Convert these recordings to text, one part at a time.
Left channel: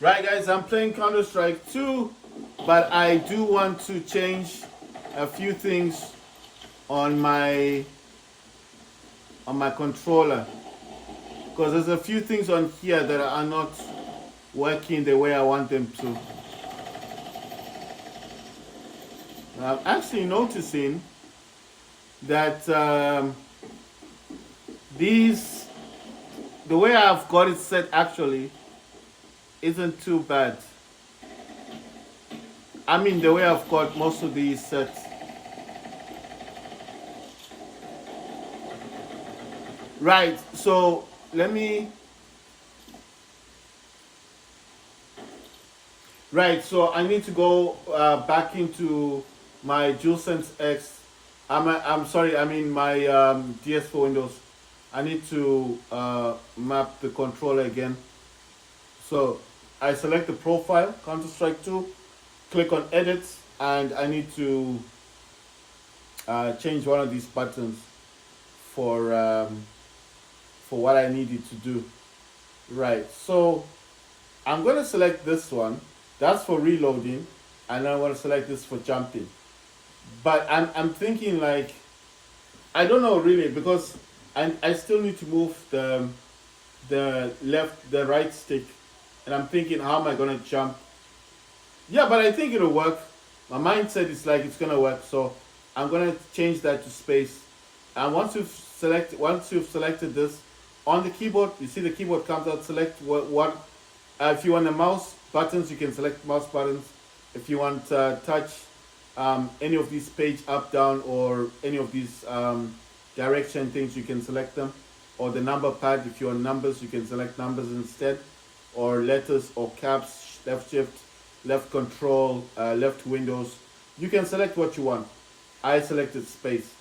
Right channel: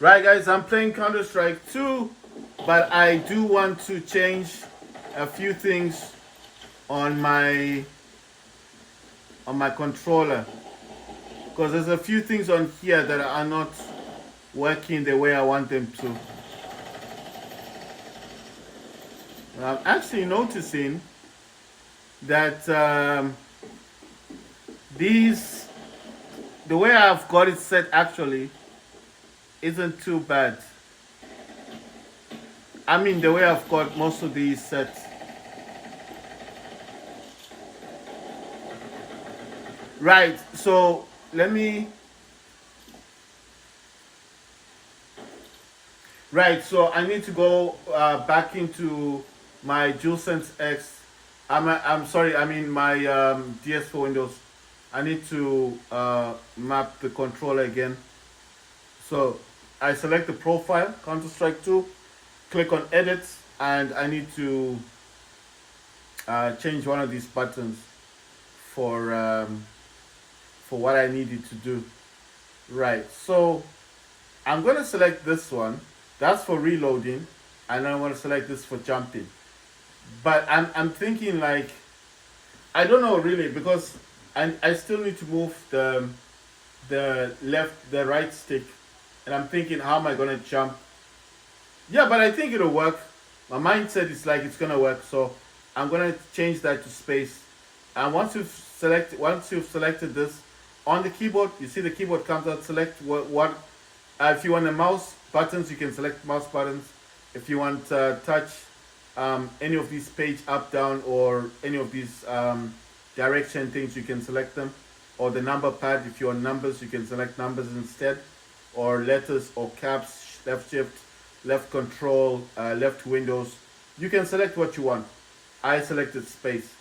Right, guys, I'm playing Counter-Strike 2, but I do want to change a few things on my controller, because there's a few things on here that are not working the way I want them to. I'm actually noticing that the way I've got it set actually isn't too bad. I mean, the way I've got most of these set. Right, so let me. Right, so I need to go back into my DualSense X. I'm sorry, I mean my DS4 Windows. I need to map the controller again. So I select the profile, Counter-Strike 2, click on edit, and I need to change one of these buttons for what I needed to do. Right, so I'm going to select this one. That's for reloading, and I want to select this for jumping. But I'm thinking, like, I don't know really, because I still need to move the right stick, and I'm thinking, how am I gonna jump? Yeah, but I think it'll work. My mindset is like it's gonna work, so I'm gonna change that to space. And once you've selected this on the keyboard, you see the keyboard comes out. Select what if you want the mouse buttons, you can select mouse buttons. If you want touch any of these page up, down, or any of these direction things, you can select them. Or the number pad, if you're on numbers, you can select numbers instead, or letters or caps, left shift, left control, left windows. You can select what you want. I selected space.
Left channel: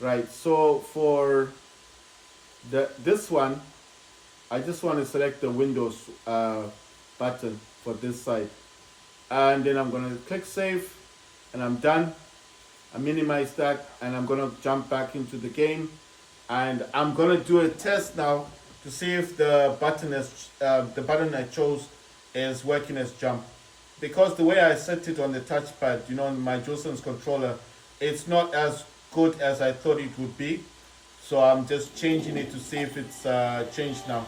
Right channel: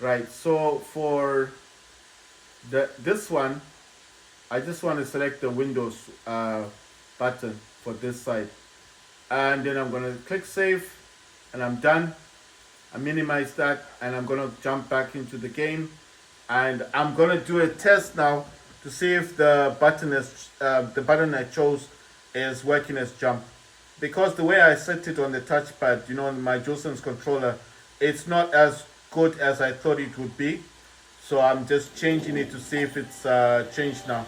Right, so for this one, I just want to select the Windows button for this side, and then I'm going to click save, and I'm done. I minimize that, and I'm going to jump back into the game, and I'm going to do a test now to see if the button I chose is working as jump, because the way I set it on the touchpad, on my DualSense controller, it's not as good as I thought it would be. So I'm just changing it to see if it's changed now.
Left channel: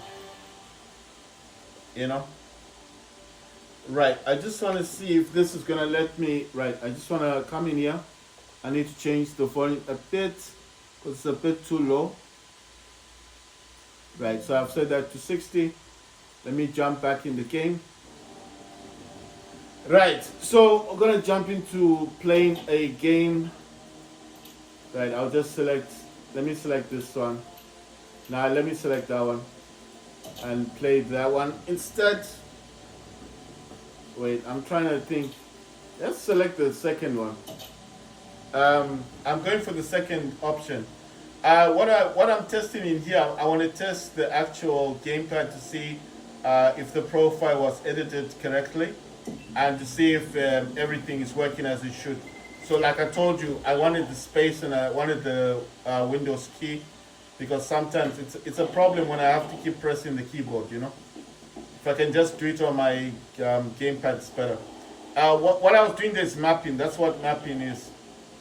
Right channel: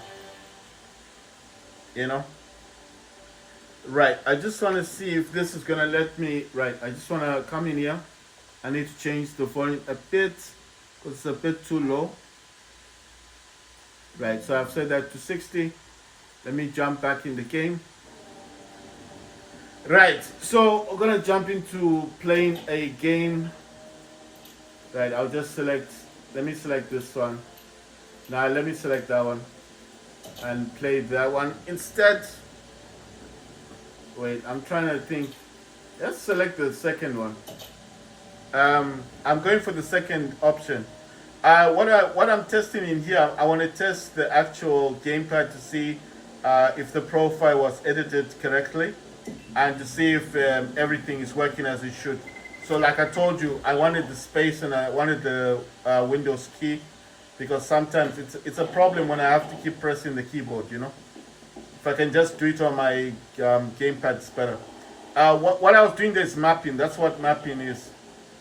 Right, I just want to see if this is gonna let me. Right, I just want to come in here. I need to change the volume a bit. It's a bit too low. Right, so I've set that to 60. Let me jump back in the game. Right, so we're gonna jump into playing a game. Right, I'll just select. Let me select this one. Now let me select that one and play that one instead. Wait, I'm trying to think. Let's select the second one. I'm going for the second option. What I'm testing in here, I want to test the actual gamepad to see if the profile was edited correctly, and to see if everything is working as it should. So like I told you, I wanted the space and I wanted the Windows key, because sometimes it's a problem when I have to keep pressing the keyboard. If I can just do it on my gamepad, it's better. What I was doing there is mapping. That's what mapping is,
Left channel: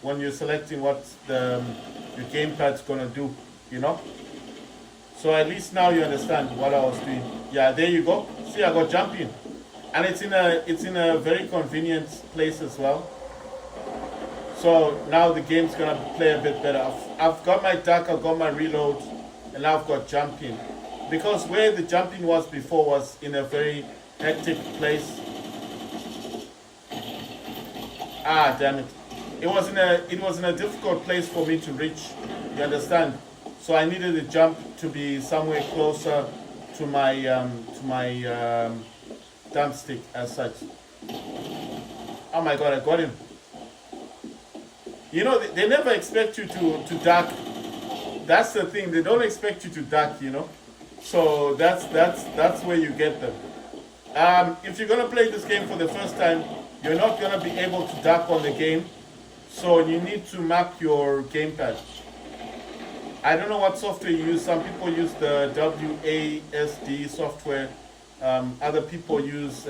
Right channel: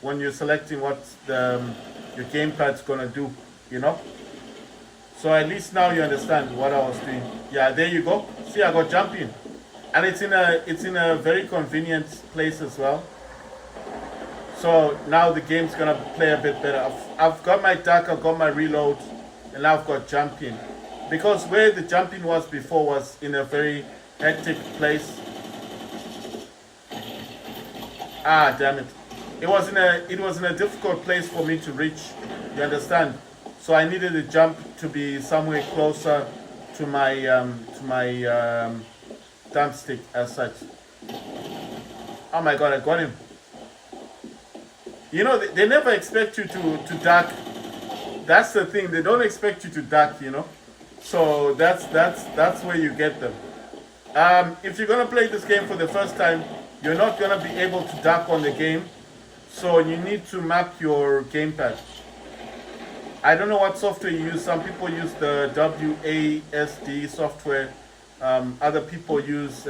when you're selecting what your gamepad's gonna do. So at least now you understand what I was doing. Yeah, there you go. See, I got jumping, and it's in a very convenient place as well. So now the game's gonna play a bit better. I've got my duck, I've got my reload, and now I've got jumping. Because where the jumping was before was in a very hectic place. Ah, damn it! It was in a difficult place for me to reach. You understand? So I needed the jump to be somewhere closer to my thumbstick as such. Oh my God! I got him. They never expect you to duck. That's the thing. They don't expect you to duck. So that's where you get them. If you're gonna play this game for the first time, you're not gonna be able to duck on the game. So you need to map your gamepad. I don't know what software you use. Some people use the WASD software other people use.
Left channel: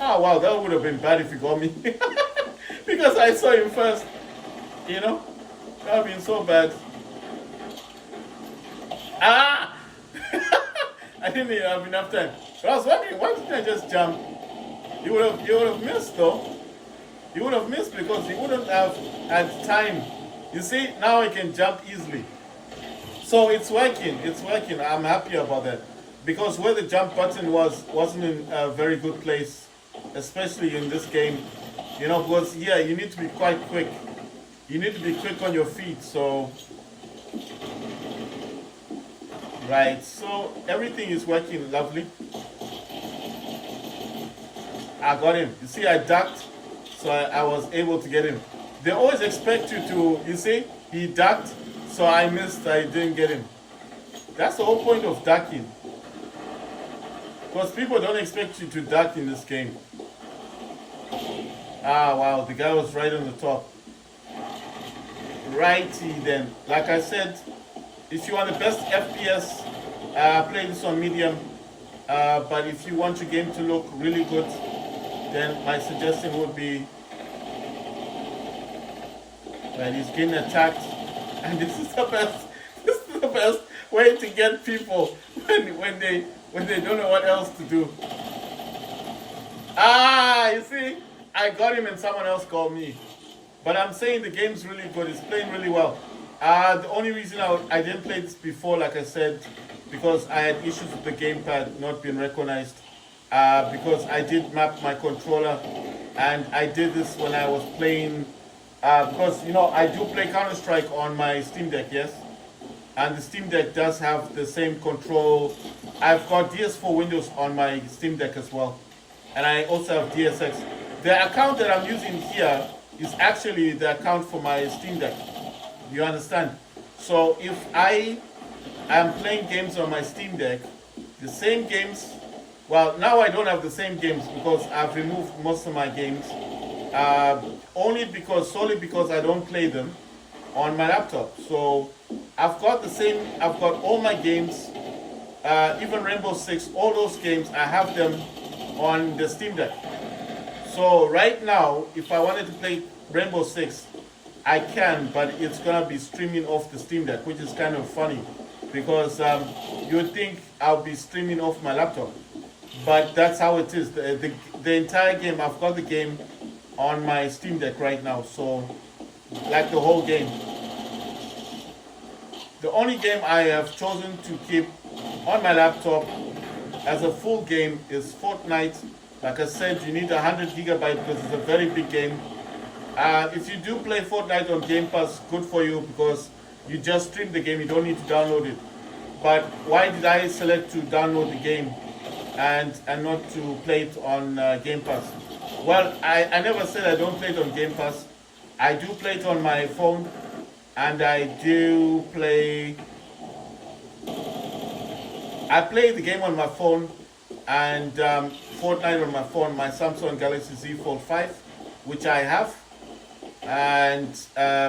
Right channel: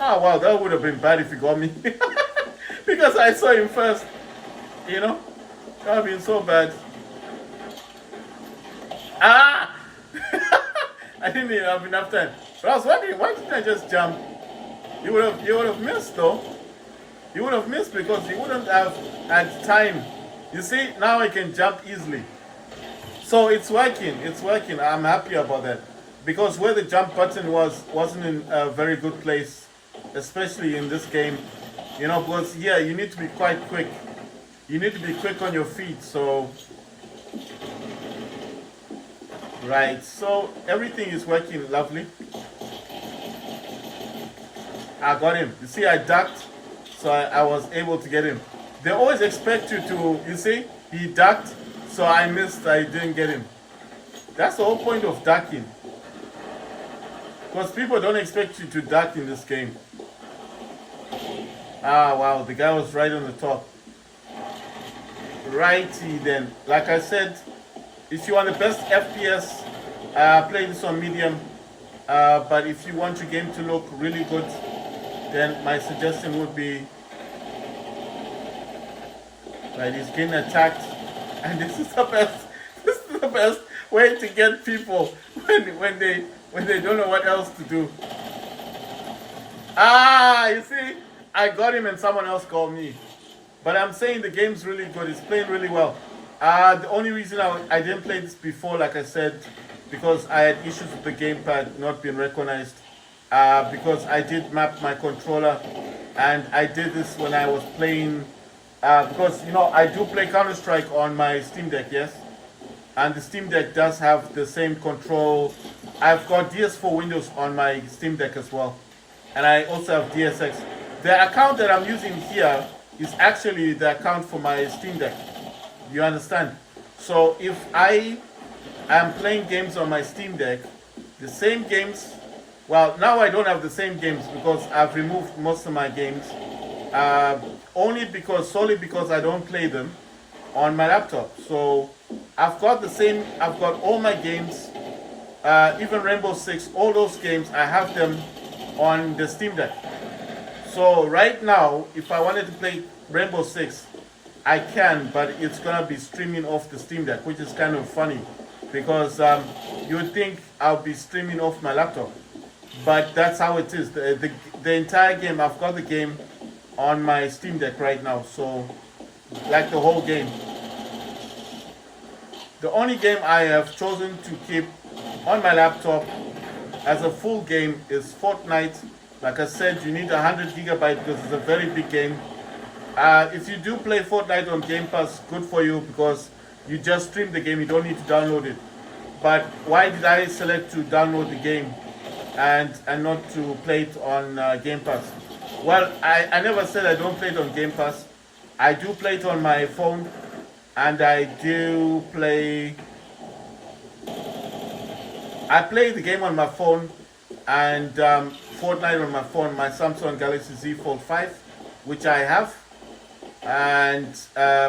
Oh wow, that would have been bad if you got me because I saw him first. You know, that would have been so bad. Ah! I didn't even have enough time. But I was wondering, why didn't I just jump? You would have missed though. You would have missed because you wouldn't have had time. You see, now I can jump easily. So it's working. It's working. I'm happy about that. Because where the jump button wasn't in a very good place, especially in this game. You know, because yeah, you need to be quite quick. You need to be quick on your feet. So right. So everything is working lovely. I got him. You see, I ducked, so I was able to get him. They always expect you to, you see, he ducked, so I missed, I didn't get him. That's the whole point of ducking. Because people don't expect you to duck in this game. Ah, wow, the guy was right on the top. Righty then. Like I said, if you want the best FPS, play this on medium. But if you want your game to look really good, then my suggestion would be, right, he's getting attacked, and this is the best. This is the best way to get people when they don't know what else to do. Ah, you see, I got him and someone else called me. But I'm saying the game's really good. It's playing really well. The only reason I didn't play this before, like I said, because I had issues with the gamepad not being recognized. Because I did map my controller, and I did this when I was playing. Because you know I do play Counter-Strike on my Steam Deck, yes, and the Steam Deck does have the same control. I've got DS4 Windows on my Steam Deck as well, and I also have DSX. The account that I'm using here is actually the account for my Steam Deck. You understand? So if I am playing games on my Steam Deck, the same games. Well, now I don't have the same games because I've removed most of my games. Solely because I don't play them on my laptop. So I've got all my games, even Rainbow Six, all those games, I have them on the Steam Deck. So right now, if I wanted to play Rainbow Six, I can, but it's gonna be streaming off the Steam Deck, which is kind of funny because you would think I'll be streaming off my laptop. But that's how it is. The entire game, I've got the game on my Steam Deck right now. So, like the whole game. The only game I have chosen to keep on my laptop as a full game is Fortnite. Like I said, you need 100 gigabytes because it's a very big game. If you do play Fortnite on Game Pass, good for you because you just stream the game. You don't need to download it. But why did I select to download the game and not to play it on Game Pass? Well, I never said I don't play it on Game Pass. I do play it on my phone, and I play the game on my phone, and Fortnite on my phone, my Samsung Galaxy Z Fold 5, which I have, and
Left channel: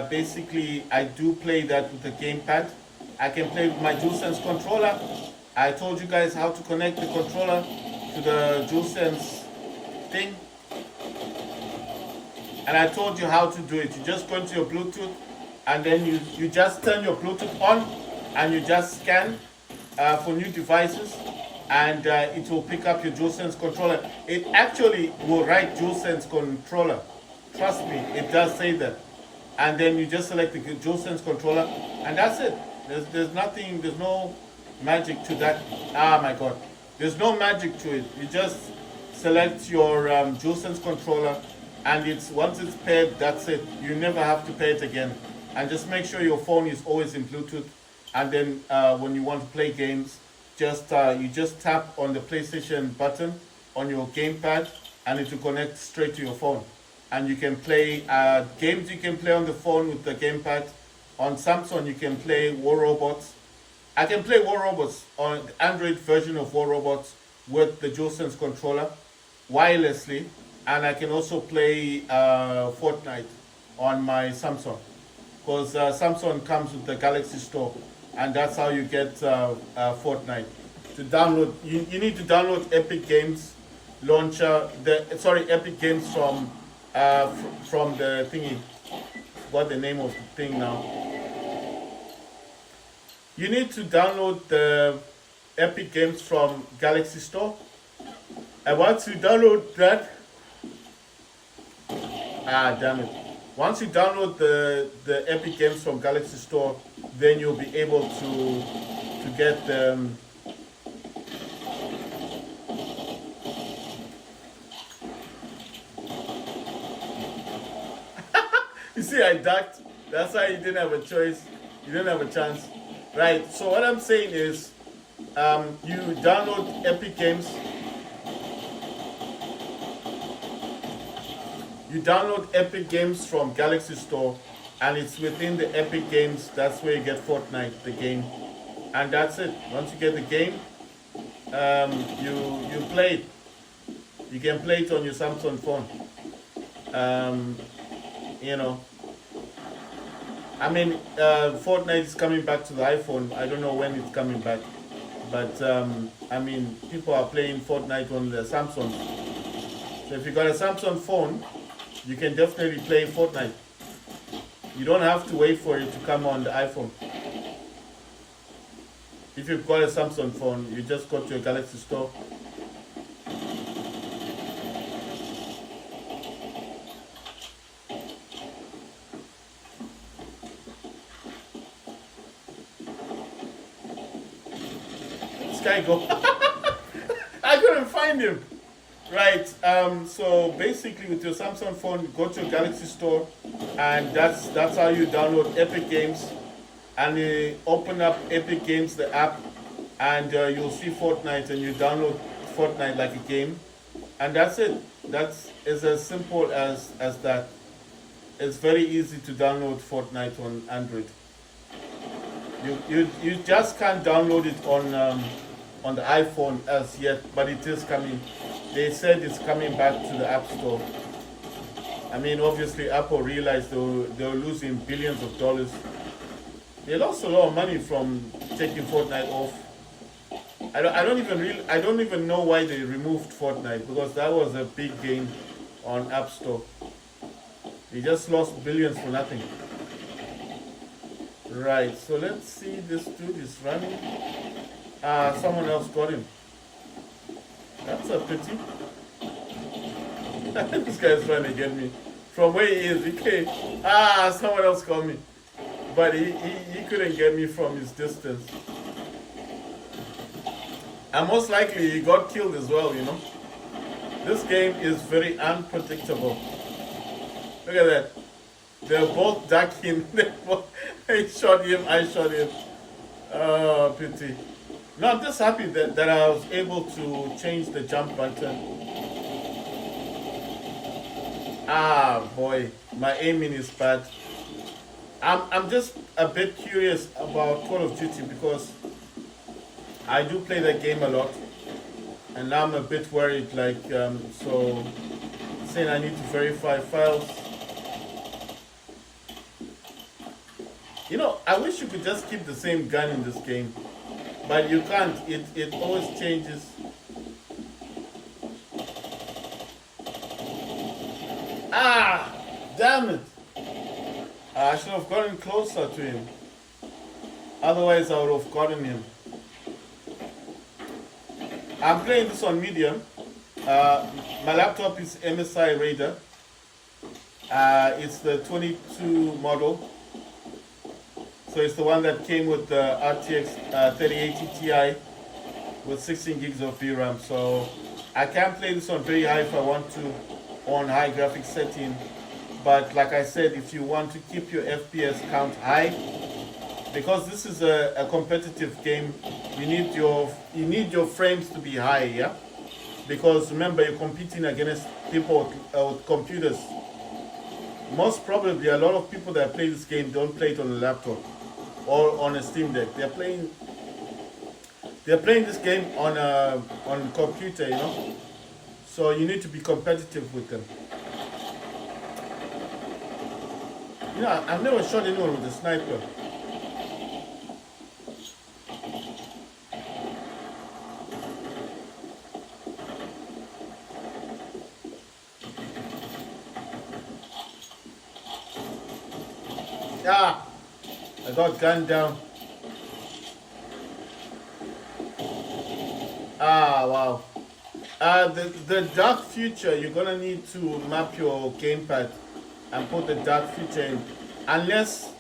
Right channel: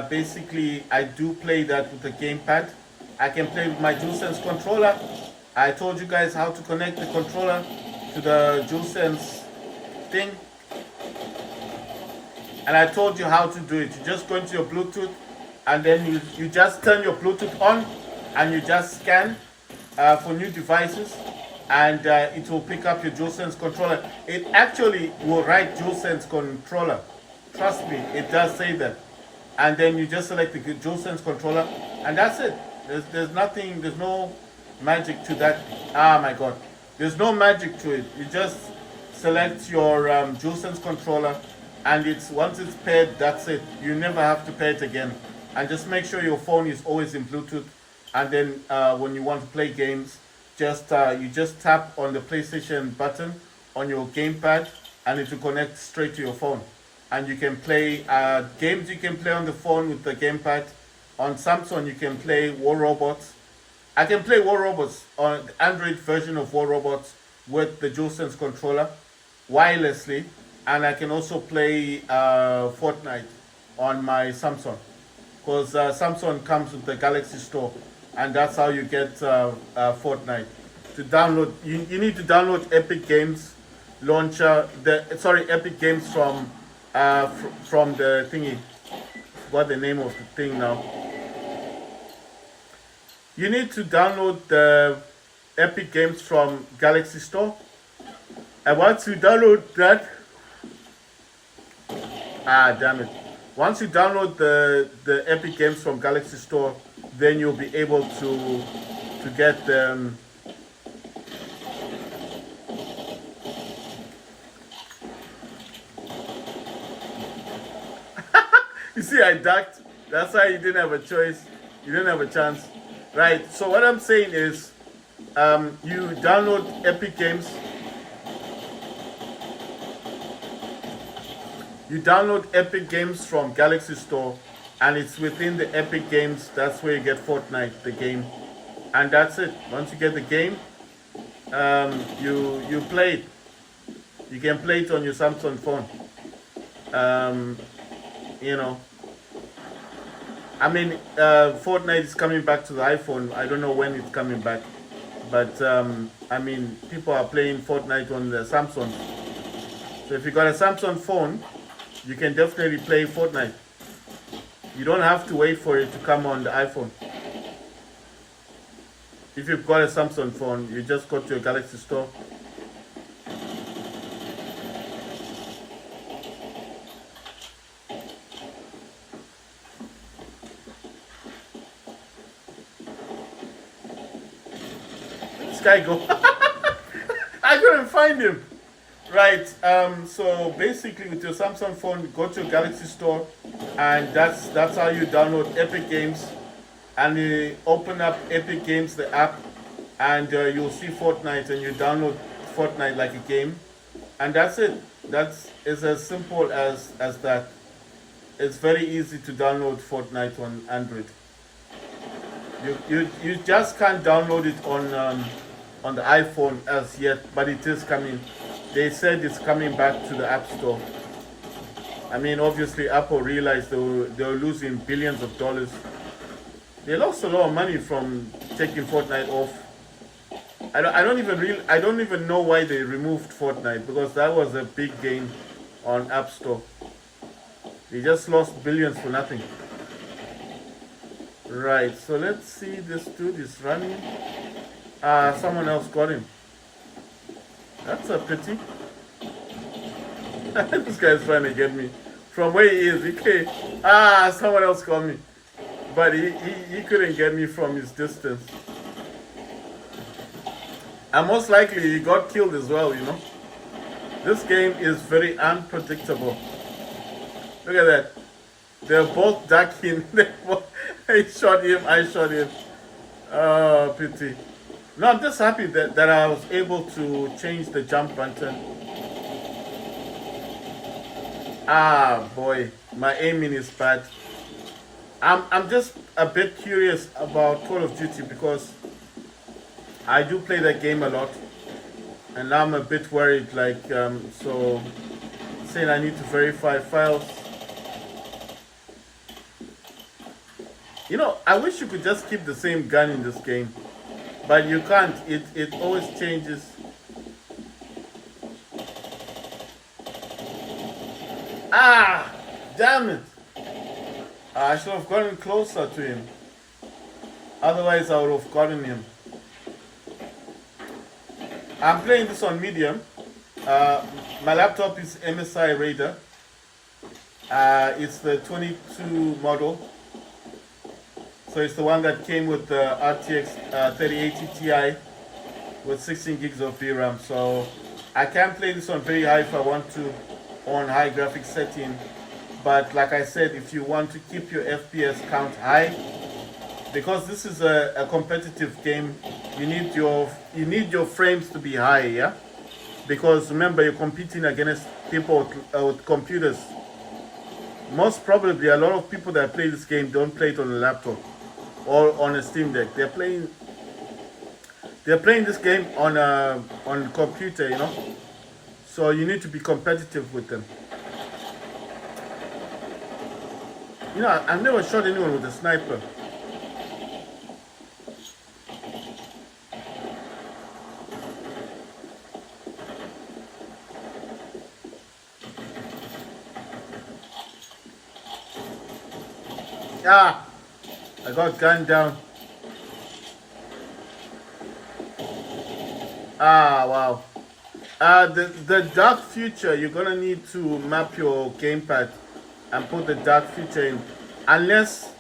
basically I do play that with the gamepad. I can play with my DualSense controller. I told you guys how to connect the controller to the DualSense thing. And I told you how to do it. You just go into your Bluetooth and then you just turn your Bluetooth on and you just scan for new devices and it will pick up your DualSense controller. It actually will write DualSense controller. Trust me, it does say that. And then you just select the DualSense controller and that's it. There's nothing, there's no magic to that. Ah my god. There's no magic to it. You just select your DualSense controller and once it's paired, that's it. You never have to pair it again. And just make sure your phone is always in Bluetooth. And then when you want to play games, you just tap on the PlayStation button on your gamepad and it will connect straight to your phone. And you can play games you can play on the phone with the gamepad. On Samsung, you can play War Robots. I can play War Robots on the Android version of War Robots with the DualSense controller wirelessly, and I can also play Fortnite on my Samsung because Samsung comes with the Galaxy Store. and that's how you get Fortnite. To download, you need to download Epic Games launcher. Epic Games from the thingy. What the name of the thing now? You need to download the Epic Games from Galaxy Store, and once you download that, damn it. Once you download the Epic Games from Galaxy Store, then you'll be able to get them. You see, I ducked. That's why you didn't have a choice. You didn't have a chance. Right, so what I'm saying is, you download Epic Games. You download Epic Games from Galaxy Store, and it's within the Epic Games. That's where you get Fortnite, the game, and that's it. Once you get the game, you play it. You can play it on your Samsung phone. You know, I mean, Fortnite is coming back to the iPhone. I don't know when it's coming back, but I mean, people are playing Fortnite on the Samsung. So if you got a Samsung phone, you can definitely play Fortnite. You don't have to wait for it to come on the iPhone. If you've got a Samsung phone, you just go to your Galaxy Store. This guy go. I couldn't find him. Right, so basically with your Samsung phone, go to your Galaxy Store, and that's how you download Epic Games, and you open up Epic Games, the app, and you'll see Fortnite, and you download Fortnite like a game, and that's it. That's as simple as that. It's very easy to download Fortnite on Android. You just can't download it on the iPhone as yet, but it is coming. They said it's coming back to the App Store. I mean, obviously, Apple realized they were losing billions of dollars. They lost a lot of money from taking Fortnite off. I don't even know why they removed Fortnite, because that was a big game on App Store. They just lost billions for nothing. Right, so let's see, this dude is running. Someone else got him. That's a pity. This guy's trying to get me. From where he is, he can't. Someone else got me. But he couldn't get me from his distance. And most likely he got killed as well, you know. This game is very unpredictable. Look at that. They're both ducking. They shot him, I shot him. Oh, pity. No, I'm just happy that I was able to change the jump button. Boy, my aiming is bad. I'm just a bit curious about Call of Duty, because I do play that game a lot, and now I'm a bit worried, like, so saying I need to verify files. You know, I wish you could just keep the same gun in this game. But you can't. It always changes. Damn it! I should have gotten closer to him. Otherwise, I would have gotten him. I'm playing this on medium. My laptop is MSI Raider. It's the 22 model. So it's the one that came with the RTX 3080 Ti with 16 gigs of VRAM. So I can play this on very high if I want to, on high graphics setting. But like I said, if you want to keep your FPS count high, because this is a competitive game, you need your frames to be high, yeah. Because remember, you're competing against people with computers. Most probably, a lot of people that play this game don't play it on a laptop or on a Steam Deck. They're playing this game on a computer, you know. So you need to be competitive with them. You know, I've never shot anyone with a sniper. Ah, I got gunned down. Ah, wow. The dark future, you're gonna need to map your gamepad and put the dark future in, unless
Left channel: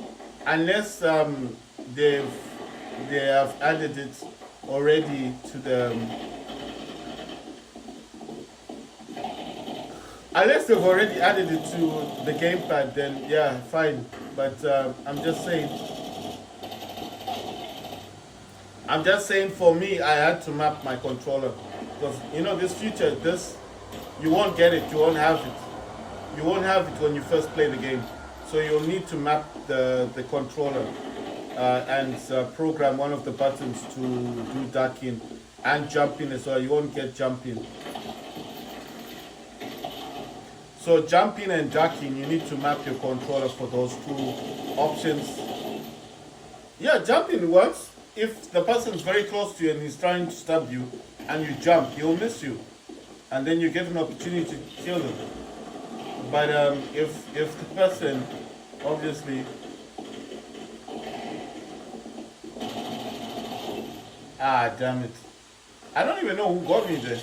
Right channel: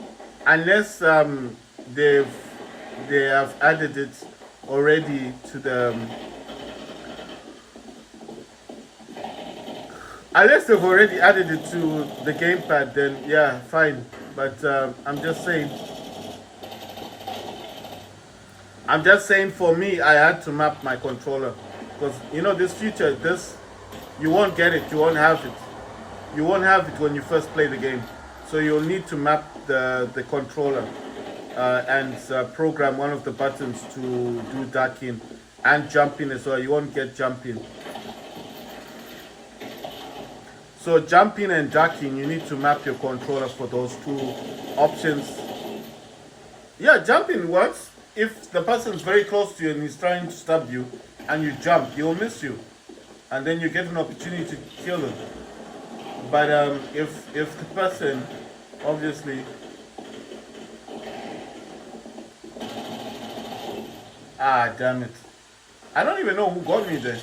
they have added it already to the unless they've already added it to the gamepad, then yeah, fine. But I'm just saying for me, I had to map my controller because this future, you won't get it, you won't have it, when you first play the game. So you'll need to map the controller and program one of the buttons to do ducking and jumping as well. You won't get jumping. So jumping and ducking, you need to map your controller for those two options. Yeah, jumping works. If the person's very close to you and he's trying to stab you and you jump, he'll miss you. And then you get an opportunity to kill him. But if the person, obviously... Ah, damn it. I don't even know who got me there.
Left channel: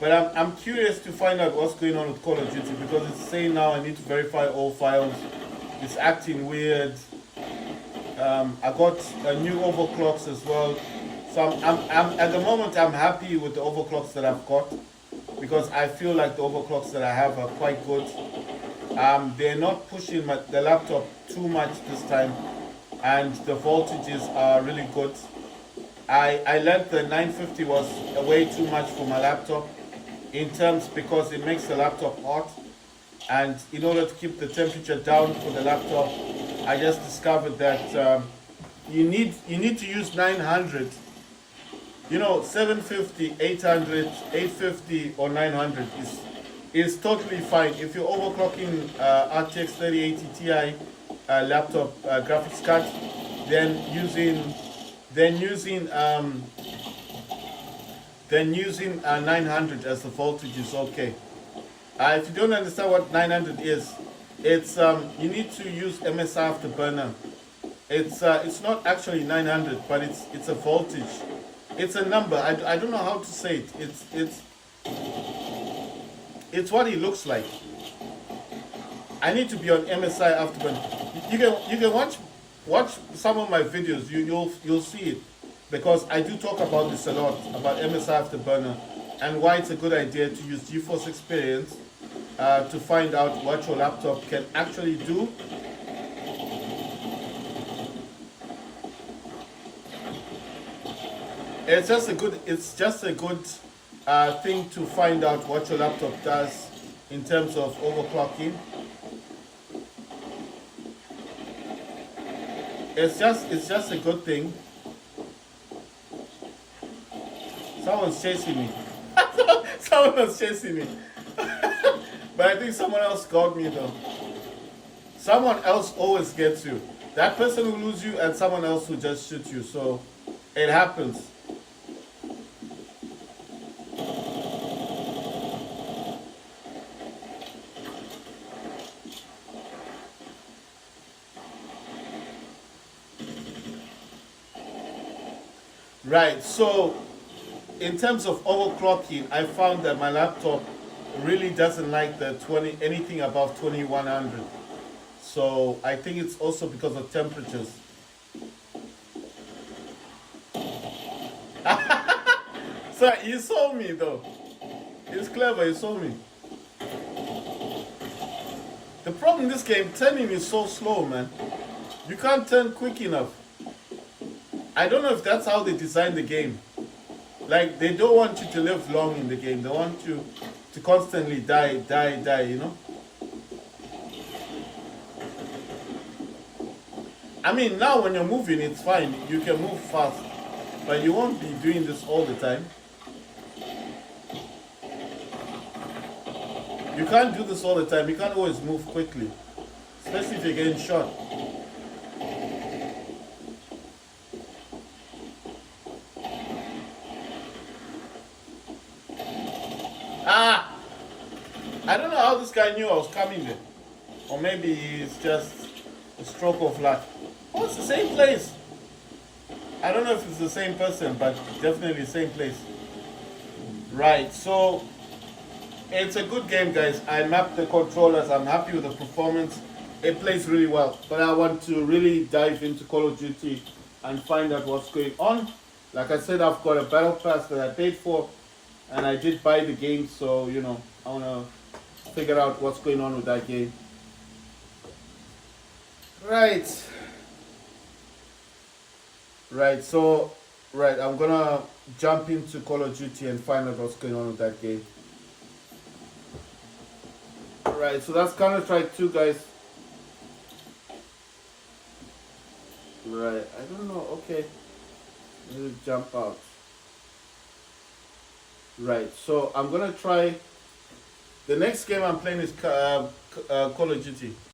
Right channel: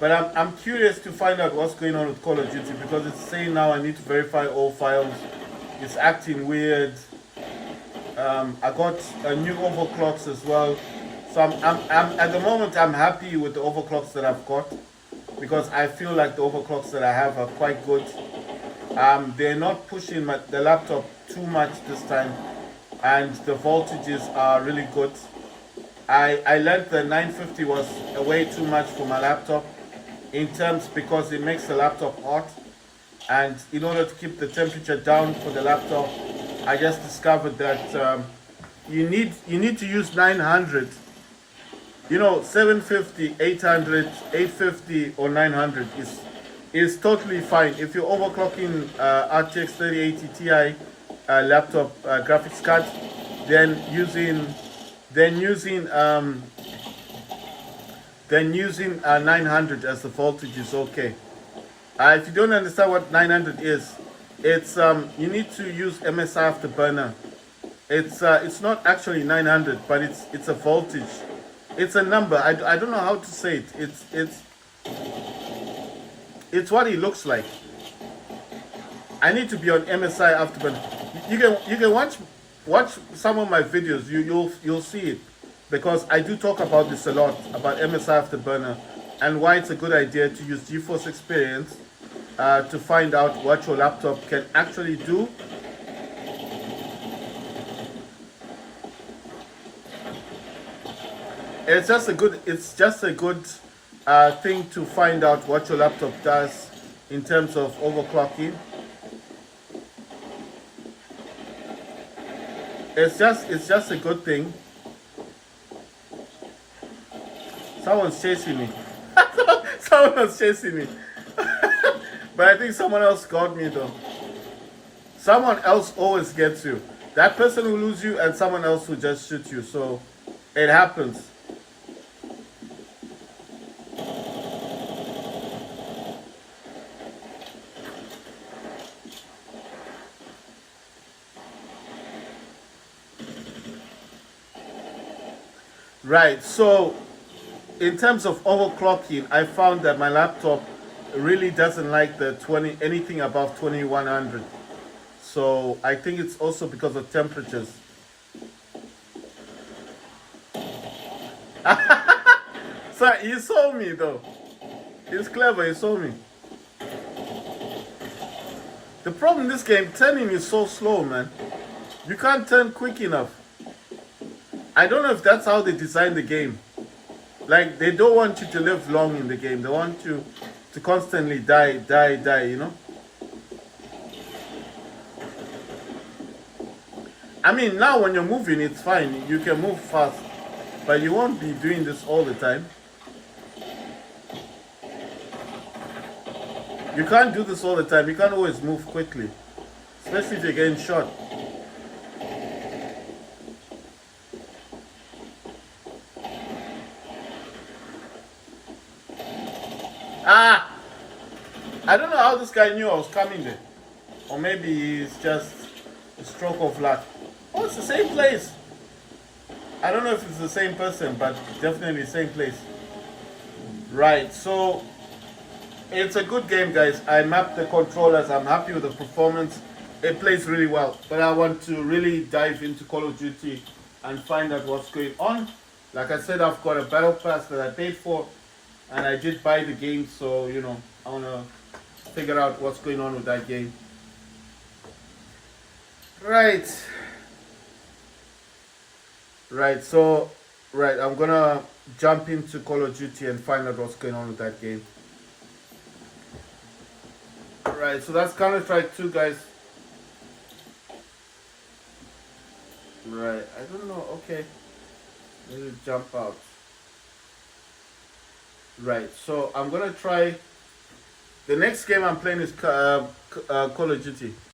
But I'm curious to find out what's going on with Call of Duty because it's saying now I need to verify all files. It's acting weird. I got new overclocks as well. So I'm at the moment I'm happy with the overclocks that I've got because I feel like the overclocks that I have are quite good. They're not pushing the laptop too much this time, and the voltages are really good. I learned the 950 was way too much for my laptop in terms because it makes the laptop hot, and in order to keep the temperature down for the laptop, I just discovered that you need to use 900. 750, 800, 850 or 900 is totally fine. If you're overclocking RTX 3080 Ti laptop graphics card, then using 900 as the voltage is okay. If you don't understand what 900 is, it's you need to use MSI afterburner. It's not actually 900, but it's a voltage. It's a number. I don't know how to say it. It's what it looks like. I need to be on MSI afterburner. You can watch some of my videos. You'll see it because I do talk about this a lot about MSI afterburner and why it's a good idea to use GeForce Experience to find out what your laptop can actually do. It's just a good thing to find out what your laptop does in terms of overclocking. It's just a good thing. Someone's chasing me. Someone's chasing me. But I think someone else got me though. Someone else always gets you. That person will lose you and someone else will just shoot you. So it happens. Right, so in terms of overclocking, I found that my laptop really doesn't like the anything above 2100. So I think it's also because of temperatures. So you saw me though. It's clever, you saw me. The problem in this game, turning is so slow, man. You can't turn quick enough. I don't know if that's how they designed the game. Like, they don't want you to live long in the game. They want you to constantly die, you know? I mean, now when you're moving, it's fine. You can move fast. But you won't be doing this all the time. You can't do this all the time. You can't always move quickly. Especially if you're getting shot. I don't know how this guy knew I was coming there. Or maybe he's just A stroke of luck. Oh, it's the same place. I don't know if it's the same person, but definitely same place. Right, so it's a good game, guys. I mapped the controllers. I'm happy with the performance. It plays really well. But I want to really dive into Call of Duty and find out what's going on. Like I said, I've got a battle pass that I paid for, and I did buy the game, so you know, I want to figure out what's going on with that game. Right, so I'm gonna jump into Call of Duty and find out what's going on with that game. Right, so that's Counter-Strike 2, guys. Right, I don't know, okay. I need to jump out. Right, so I'm gonna try. The next game I'm playing is Call of Duty.